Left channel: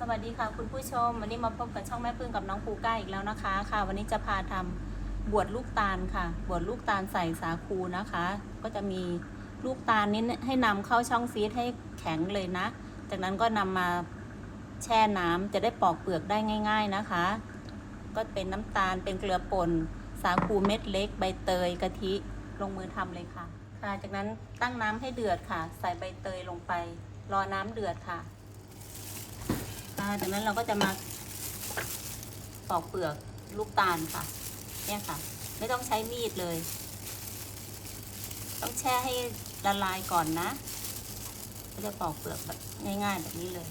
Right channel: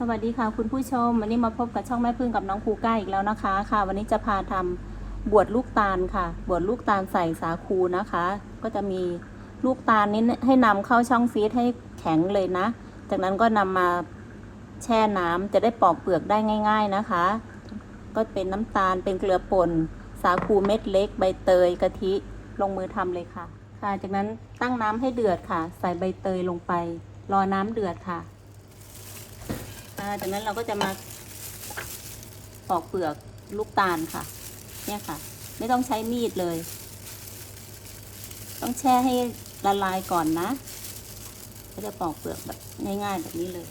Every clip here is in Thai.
สวัสดีค่ะคุณผู้ชม วันนี้มาพบกับช่องแม่พึ่งกับน้องภูก้าอีกแล้วนะคะ ค่ะ วันนี้จะพาทำบวชลูกตาลค่ะ บวชลูกตาลใส่สาคูนะคะ ก็จะมีลูกตาลนี้ให้นำเข้าช่องฟรีซให้แข็งเลยนะ จากนั้นก็นำมาแช่น้ำจะได้ปอกเปลือกได้ง่าย ๆนะคะ ก็เป็นน้ำตาลเป็นเกลือป่นสาคูเม็ดเล็ก ใบเตยกะทิลงมือทำเลยค่ะ ค่ะ จากนั้นตั้งน้ำให้เดือดค่ะ ใส่ใบเตยลงไป รอน้ำเดือดค่ะ จากนั้นเราก็จะมาปอกเปลือกลูกตาลค่ะ เนี่ยค่ะ ไม่ต้องใช้มีดเลย ต้องแช่ให้ละลายก่อนนะก็จะปอกเปลือกแบบง่ายๆแบบนี้เลย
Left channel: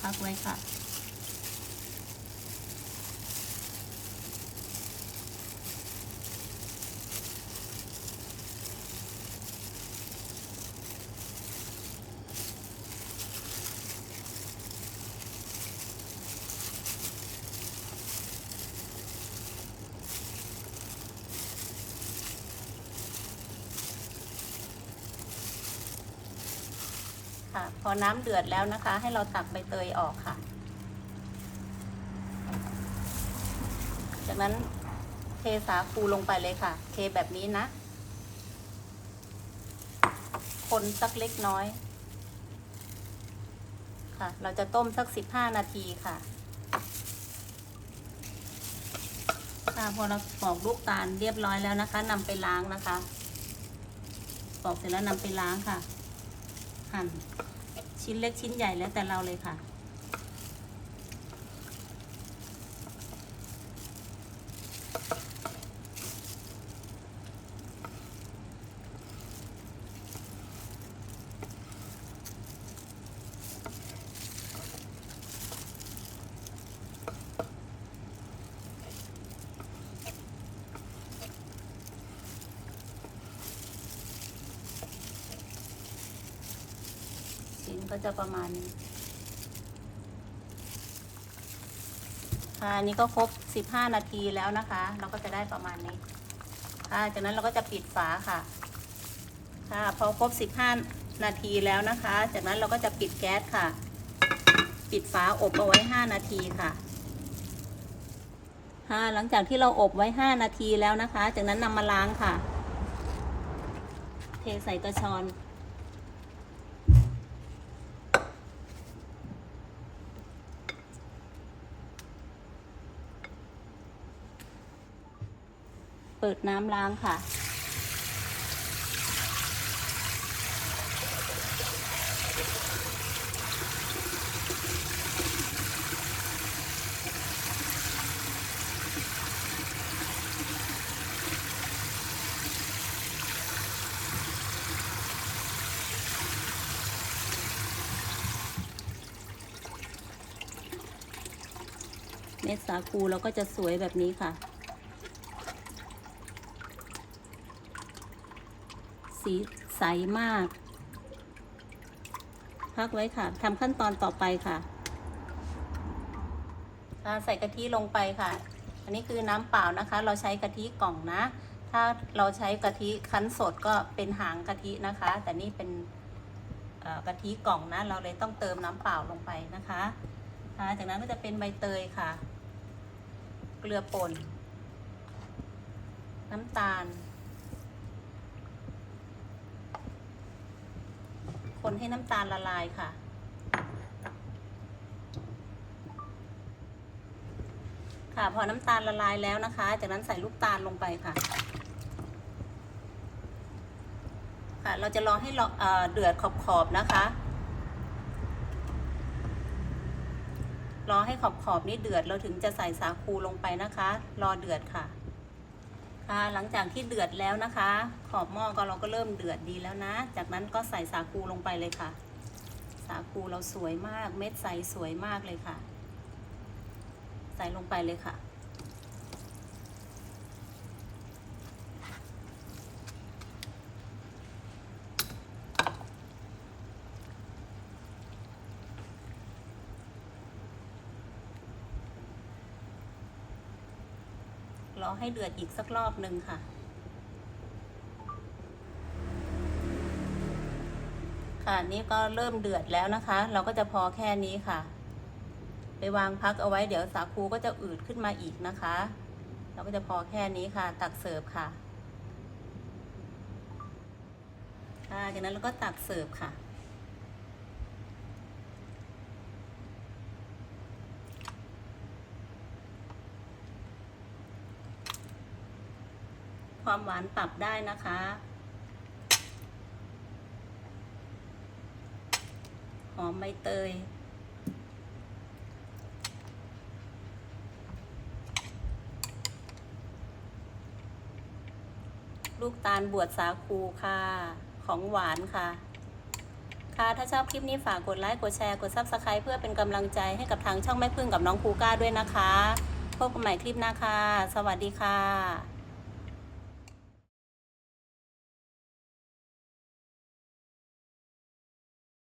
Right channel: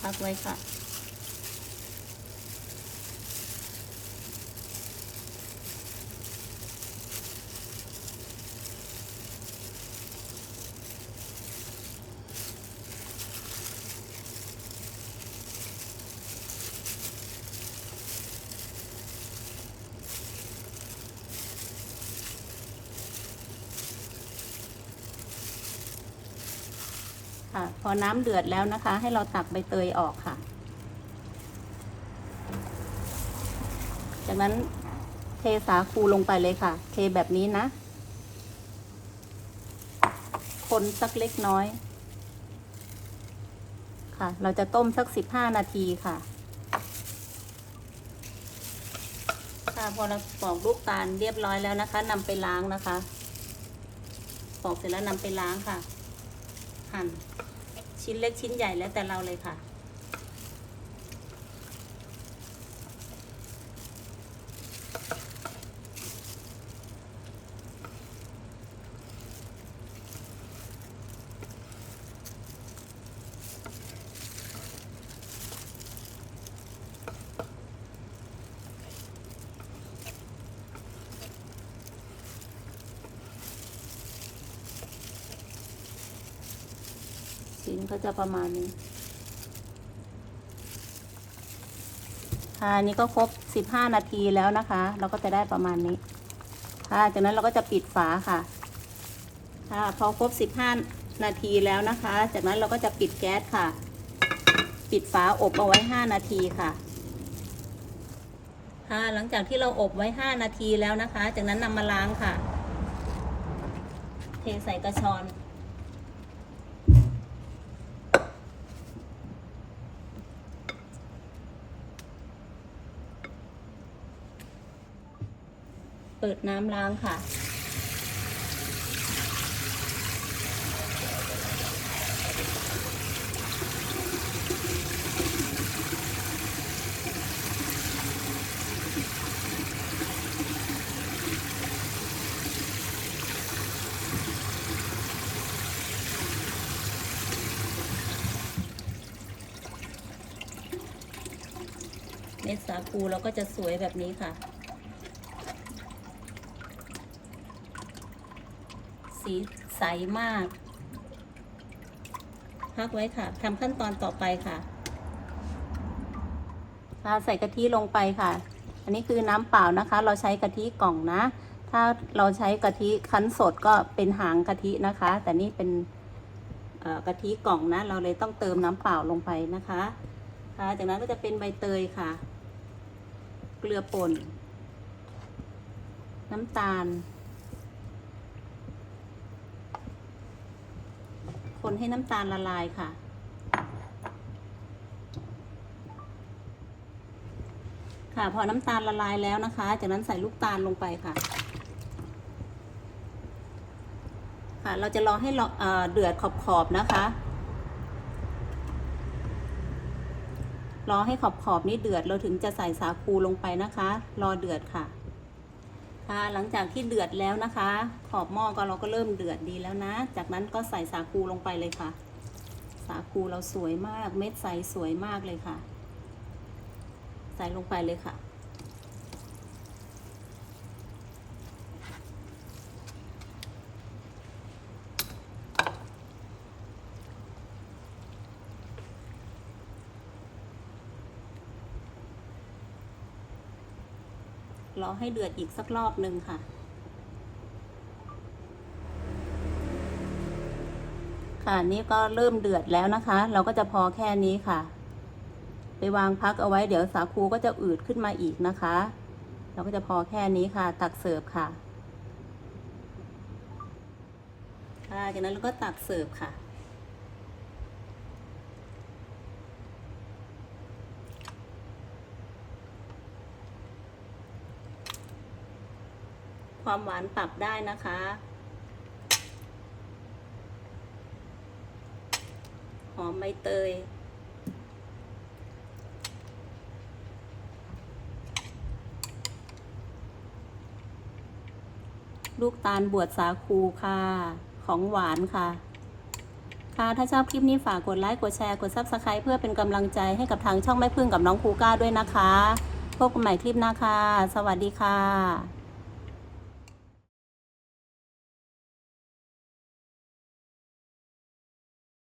พักไว้ค่ะ น้ำเดือดแล้วนะคะ ให้เราตักใบเตยออกค่ะ จากนั้นเทสาคูลงไปเลยค่ะ เทแบบนี้นะ คนสักเล็กน้อย ค่ะ เราจะต้มสักสิบห้านาทีค่ะค่ะพอเราปอกลูกตาลเรียบร้อยแล้วนะคะนำไปล้างนะคะ ปอกเสร็จแล้วนำไปล้างค่ะ หั่น ชิ้นเล็กชิ้นใหญ่แล้วแต่เราเลยค่ะ ชิ้นก็จะประมาณนี้อันนี้ก็ครบ 15 นาทีแล้วนะคะ เราก็จะได้ประมาณนี้ค่ะจากนั้นเราก็จะปิดฝาค่ะค่ะพอครบ 15 นาทีแล้วนะคะ จากนั้นเราก็จะปิดแก๊สค่ะ ปิดฝาอบเอาไว้ 5 นาทีค่ะค่ะหลังจากที่เราอบไว้ 5 นาทีแล้วนะคะ จากนั้นนำมาล้างค่ะ เทใส่กระชอน เปิดน้ำล้างค่ะเม็ดสาคูเราก็จะสวยแบบนี้ค่ะ สีใสมาก พักไว้ค่ะทำขั้นตอนต่อไปค่ะใส่กะทิลงไปค่ะ อันนี้คือน้ำเปล่านะคะ เราใช้กะทิกล่องนะ ถ้าเราใช้กะทิคั้นสดก็เป็นหางกะทินะคะ แต่นี่เป็นกะทิกล่องนะ เราเลยต้องเติมน้ำเปล่าลงไปนะคะค่ะจากนั้นก็จะเป็นใบเตยค่ะ เกลือป่น น้ำตาล คนให้น้ำตาลละลายค่ะ ค่ะพอน้ำตาลละลายแล้วนะคะ จากนั้นใส่ลูกตาลลงไปค่ะ ค่ะ เราจะรอให้เเอ่อเดือดขอบๆนะคะ รอให้ขอบๆนี่เดือดเราถึงจะใส่สาคูลงไปนะคะ รอเดือดค่ะ หลังจากที่เดือดแล้วนะคะ ขอบหม้อก็เราก็เริ่มเดือดดีแล้วนะ จากนั้นก็ใส่สาคูลงไปเลยค่ะ สาคูเราสวยมาก เม็ดใสสวยมากเลยค่ะ ใส่ลงไปเลยค่ะ รอให้เดือดอีกสักรอบหนึ่งค่ะ ค่ะนี่ก็เริ่มเดือดแล้วนะคะ เราก็จะพอแค่นี้ค่ะ ไปวางพักเอาไว้เดี๋ยวสาคูก็จะอืดขึ้นมาอีกนะคะ เราก็จะพอแค่นี้ค่ะ ตักเสิร์ฟค่ะ ค่ะจากนั้นเราก็ตักเสิร์ฟค่ะ ความหวานปรับได้นะคะ หอมใบเตย ลูกตาลบวชสาคูค่ะ ของหวานค่ะค่ะ ถ้าชอบคลิปนี้ฝากกดไลค์ กดแชร์ กด Subscribe เพื่อเป็นกำลังใจให้กับทางช่องแม่พึ่งกับน้องคูก้าด้วยนะคะ พบกันใหม่คลิปหน้าค่ะ สวัสดีค่ะ